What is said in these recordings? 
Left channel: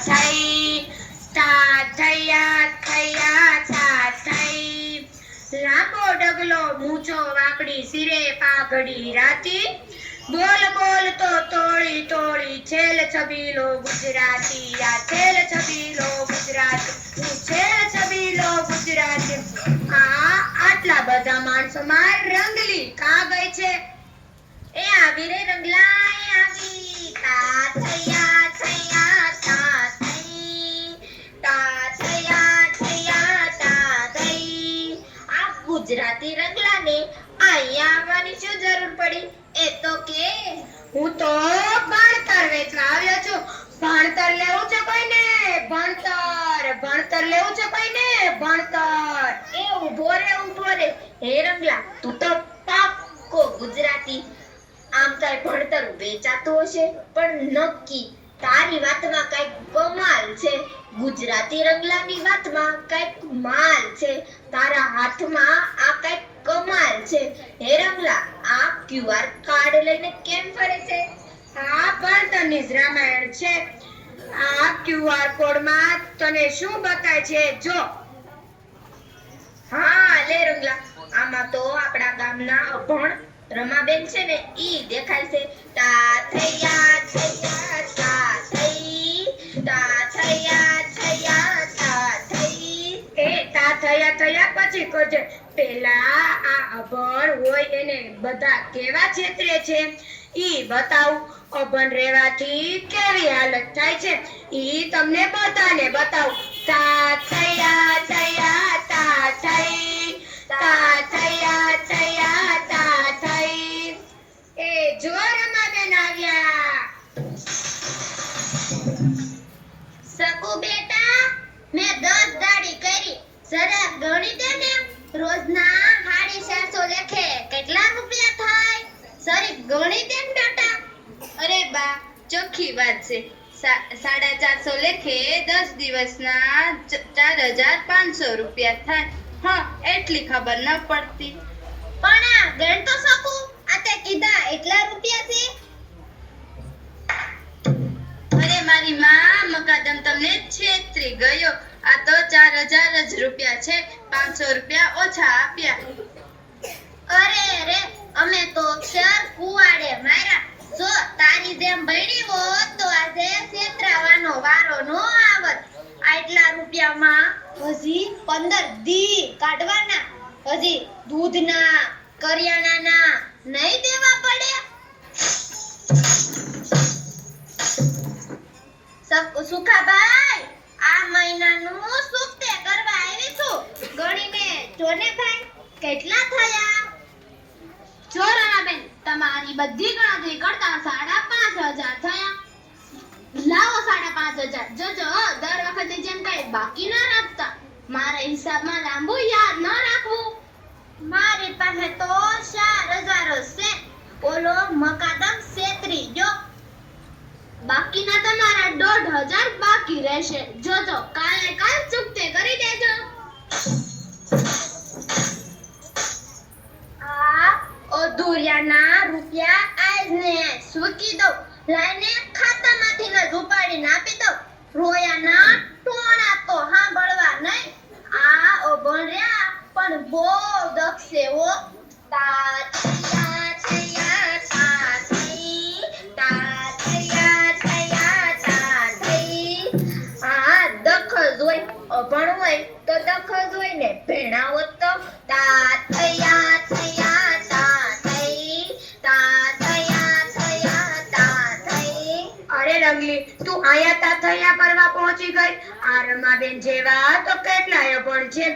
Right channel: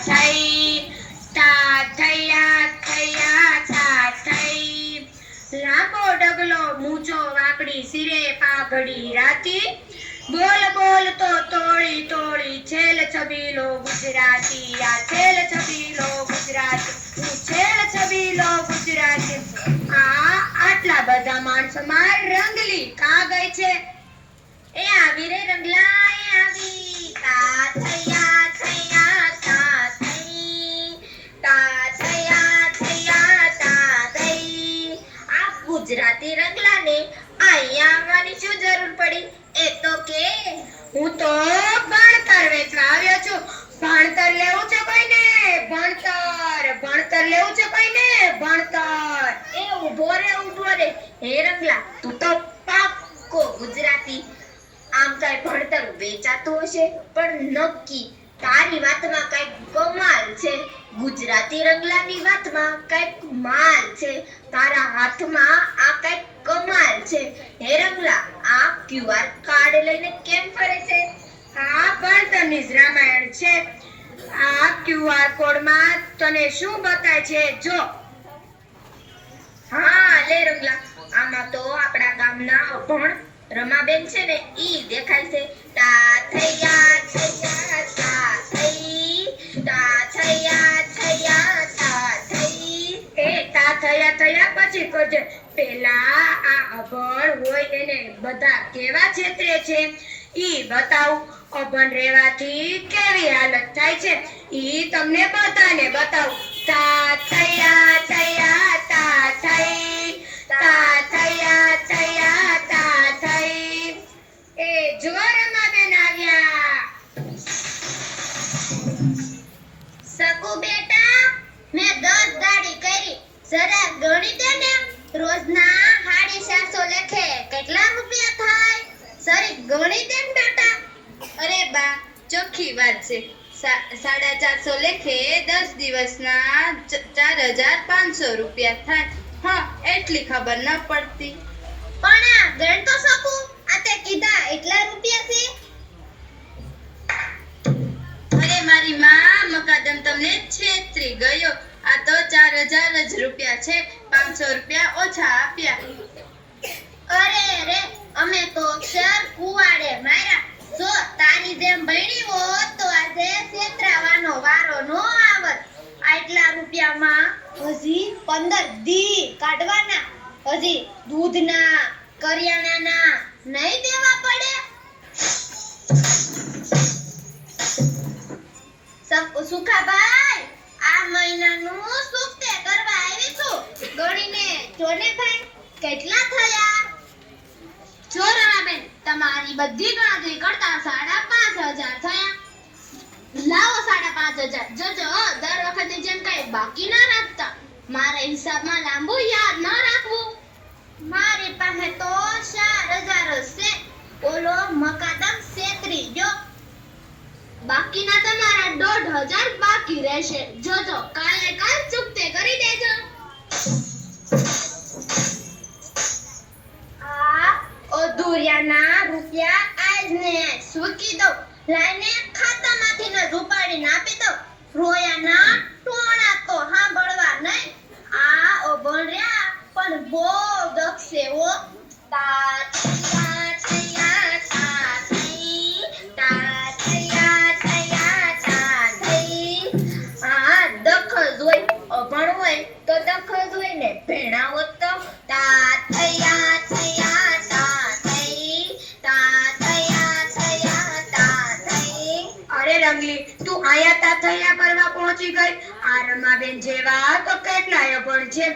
થઈ તા થયા થયા તા થઈ લાંબો ડગલો મૂછો વાકડી સિરે પાઘડી રાતી બોલ બોલ તો તોળી તોળી છેલ છબીલો ગુજરાતી આ છેલ છબીલો ગુજરાતી છેલ છબીલો ગુજરાતી આટલા બધા માણસોમાં રંગલી કા ગઈ છે એ આવી રે રંગલા એ આવી તા થયા થયા તા થઈ તા થયા થયા તા થઈ આ ગુજરાતી રંગલાને અહીંયા આવવાની શું જરૂર પડી એ તો કે હું તો ભણતર વેચવા આવ્યો છું ભણતર લેવું છે કોઈને ભણતર લેવું છે કોઈને ભણતર એ ઊભો રે હે રંગલા તું તો પાક્કો ગુજરાતી આમ કઈ ભણતર વેચાતું હશે પણ નક્કી તારી વાતમાં કઈક કમાલ છે ગુજરાતી રંગલાની વાતમાં કઈક માલ છે તારા હાથમાં આ કઈક કમાલ છે હે રંગલા આ ક્યુઆર કાર્ડ લઈને કેમ ફરે છે આ ભણતરની જ રામાયણ છે આ ક્યુઆર કોડમાં તને શું બતાય છે જો હા લે રંગલા આમાં તો આપણા ગામના અભણ રમાબેન છે ને ઈ દેખાય છે તા થયા થયા તા થઈ તા થયા થયા તા થઈ એ તા થયા થયા પછી કરજે પેલા આ અભણ હોય એને બધા કેવા છેતરે છે ઈ બતાવ અભણ રહેવાથી કેવી હાલત થાય છે ઈ તમને બધાને બતાવ તા થયા થયા તા થઈ તા થયા થયા તા થઈ એ જો રમાબેન આવ્યા શકુ બેટા મેં 10 દાડી કરી જરા ગણી દે ને રોજના 750 લેખે કેટલા રૂપિયા થાય સરી ગણી દે ને બેટા અરે બા ચોખ્ખી વાત છે 450 લેખે 10 દિવસના 4500 રૂપિયા થાય હા એટલી ખબર ન પડતી પણ આ ગણ તો શકુ આ તે કીધા એટલા રૂપિયા છે અરે મારી માં મકાદમ તમને છેતરી ગયો આ તો 4000 જ રૂપિયા છે 500 રૂપિયા ઓછા આપ્યા અરે રે અમે તો અક્ષર કુવાડે માર્યા જો તારી જેમ ભણી હોત તો આજે છેતરાવાનો વારો નો આવત આટલા રૂપિયામાં હજી 15 દી કાઢવાના હજી દૂધના કરિયાણાના નહીં દેવા પડે સુખાભાઈ આ મહિનાનું સુક્તે કરવા આવી છું ગણીને જોને ભાઈ કેટલા થયા જો રણાબેન તમારી બધી ગણતરી કરતા 5500 થયા લાવો 5500 જોજો દર વખતે જેમ કઈ બાકી ના રાખતા મારા હિસાબમાં લાંબુ યાદ ન રાખવું મારી પાસે તો 4000 છે ઓલો મકાદમ છેતરી જો બાકીના તમારા 1500 બાકી રહેશે જોજો કાલે કાલ ચૂકતે કરી દેજો આ અધૂરિયાના રૂપિયા આજને સૂકી દઉં લાઈને ખાતામાંથી ને ઉપાડીને આપી દઉં રોયાના ટોણા તો સાંભળવા નહીં આ અભણ્યા પણ બહુ દક્ષે હો તા થયા થયા તા થઈ તા થયા થયા તા થઈ આ દખ જ હોય અભણ હોય તો દખ જ હોય ને ભેણા હોત તો તા થયા થયા તા થઈ તા થયા થયા તા થઈ અરે રંગલી તું આયા તા થયા કરવા પહોંચી ગઈ આ રમાબેન જેવા તો કેટલાય અભણ છે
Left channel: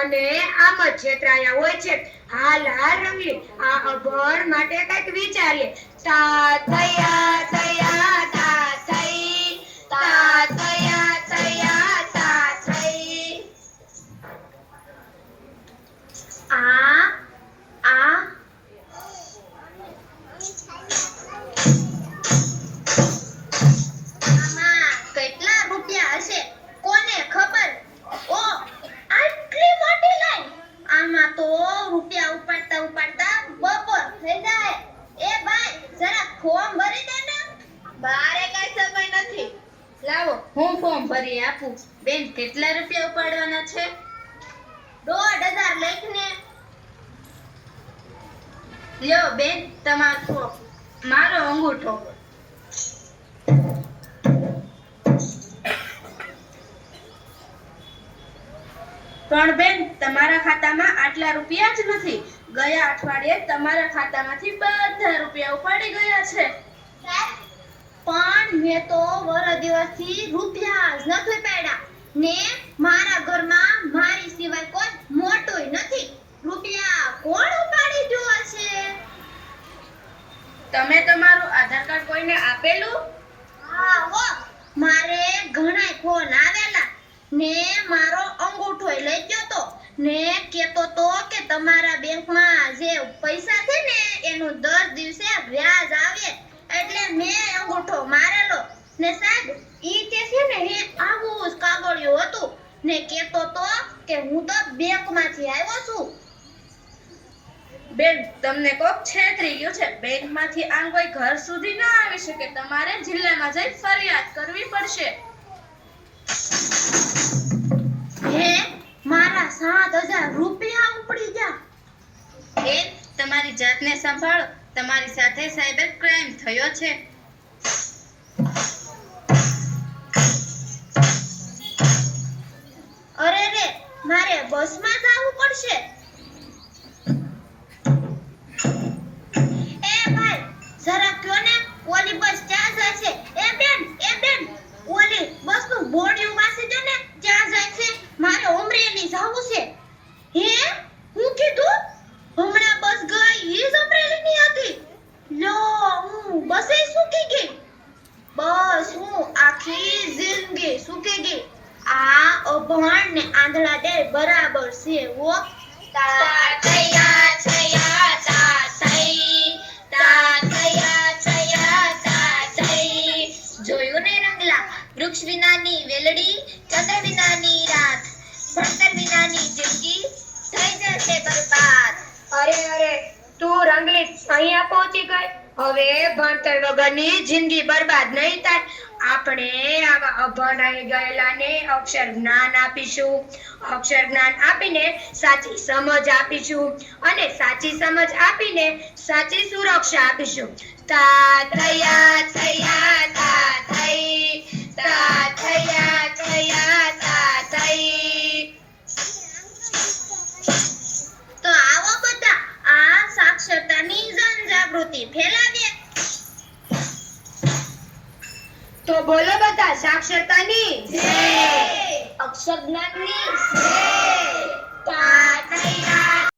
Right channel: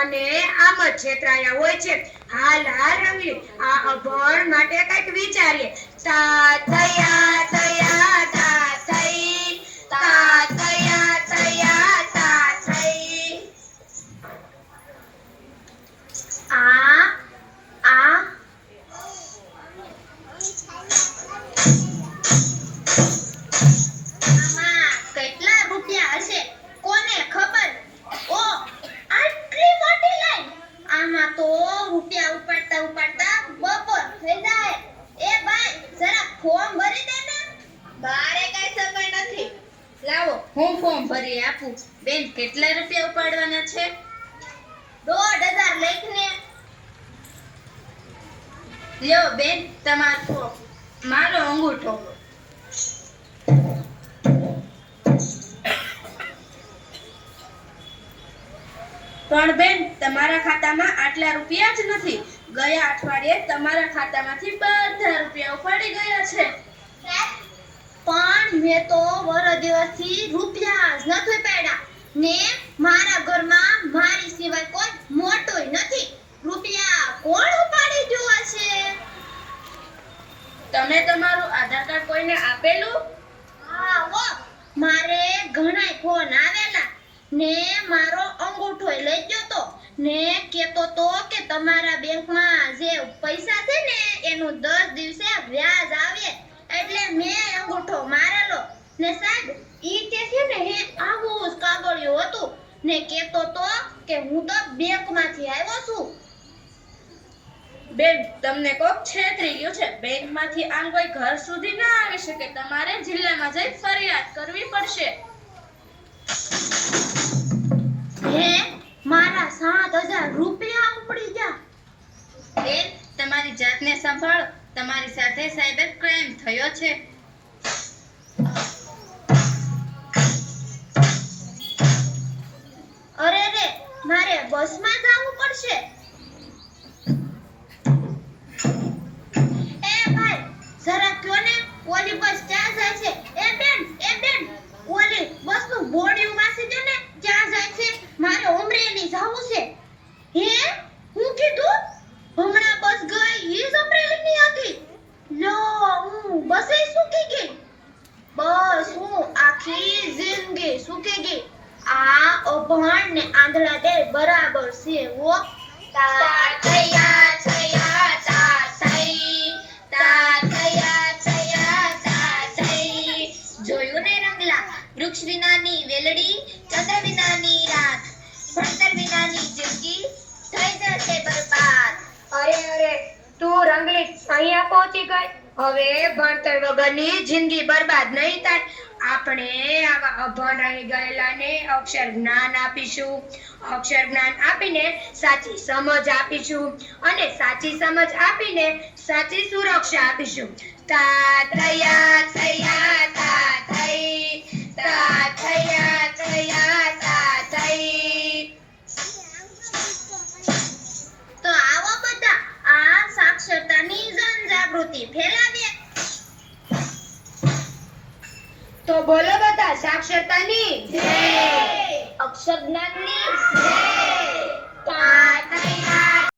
અને આમ જ છેતરાયા હોય છે હાલ રંગલી આ અભણ માટે કંઈક વિચારીએ તા થયા થયા તા થઈ તા થયા થયા તા થઈ આ આમાં કેટલા રૂપિયા હશે કોને ખબર ઓ આટલી મોટી લાઈન આમાં તો રૂપિયા ઉપાડતા ઉપાડતા બપોર થઈ જાય એ ભાઈ જરા ફોર્મ ભરી દે ને બારે હું ફોર્મ ભરી આપું. બેન કેટલા રૂપિયા ઉપાડવાના છે? 1,500 લખને. લ્યો બેન તમારો ફોર્મ. મારો અંગૂઠો. પણ બેન તમારા ખાતામાં આટલા રૂપિયા જ નથી. ગયા અઠવાડિયે તમારા ખાતામાંથી બધા રૂપિયા ઉપાડી ગયા છે. પણ મેં તો વર દિવસથી રૂપિયા જ નથી પાડ્યા ને મારા ઘરમાં મારી સિવાય કોઈ મોટોય નથી. રૂપિયા કોણ ઉપાડી ગયો હશે? તમે તમારું આધાર કાર્ડ કોઈને આપેલું? હા હો, મારે ઘણાય ફોન આવેલા ને મારો અંગૂઠોય લઈ ગયો તો ને કેતો તો કે તમારા બેંકમાં જે પૈસા છે ને એનું 10 દિવસે વ્યાજ આવે એટલે મેં અંગૂઠો મારેલો ને સાહેબ ઈ તે છે ને હે આવું જ કાગળિયું હતું ને કેતો તો કે હું તો બેંકમાંથી આવ્યો છું. બેન તમને કોક છેતરી ગયો છે. બેંકમાંથી આમ કોઈ ઘર સુધી ના આવી શકે. તમારે જિલ્લામાં જઈ ફરિયાદ કરવી પડશે. હે મારા 7,000 રૂપિયા ઉપડી ગયા. બેન તમારી જાતને સંભાળો. તમારી સાથે સાયબર ક્રાઇમ થયો છે. અરે રે મારે બસમાં જવું પડશે. એ ભાઈ જરા કયો ને ઓલી બસ ક્યાં જાય છે? એ બેન ઓલી બસનું બોર્ડિયું વાસી દે ને ક્યાં જાય છે? મારે ઉમરેલી જવું છે. હે હું કીધું હમણાં બસ ગઈ ઈ જ અમરેલી ની હતી. લો હું બસે સૂકી ગઈ. બસ હું આખી જિંદગી સૂકી ગઈ. આ અભણ ને આંધળા ડે બરાબર છે હો. જોયું ને રંગલા, વૃક્ષ વિનાની વેલડી, ચંદ્ર વિનાની રાત, ભણતર વિનાની જિંદગી થઈ જશે બરબાદ. અરે તું રંગલી અહીંયા પહોંચી ગઈ. હવે ભણતર વગરની જિંદગી બરબાદ નહીં થાય. આપણે આવા અભણ રહી ગયેલાને અક્ષર જ્ઞાન આપીશું. અક્ષર જ્ઞાન આપીને સાચી સમજ આપીશું અને સાચી સમજ આપીને સાચી સુરક્ષા આપીશું. તા થયા થયા તા થઈ, તા થયા થયા તા થઈ. તો આવો બધા આ સાક્ષરતાની જનજાગૃતિ ફેલાવીએ. તો બોલો બધા સાક્ષરતાની અક્ષર જ્ઞાનની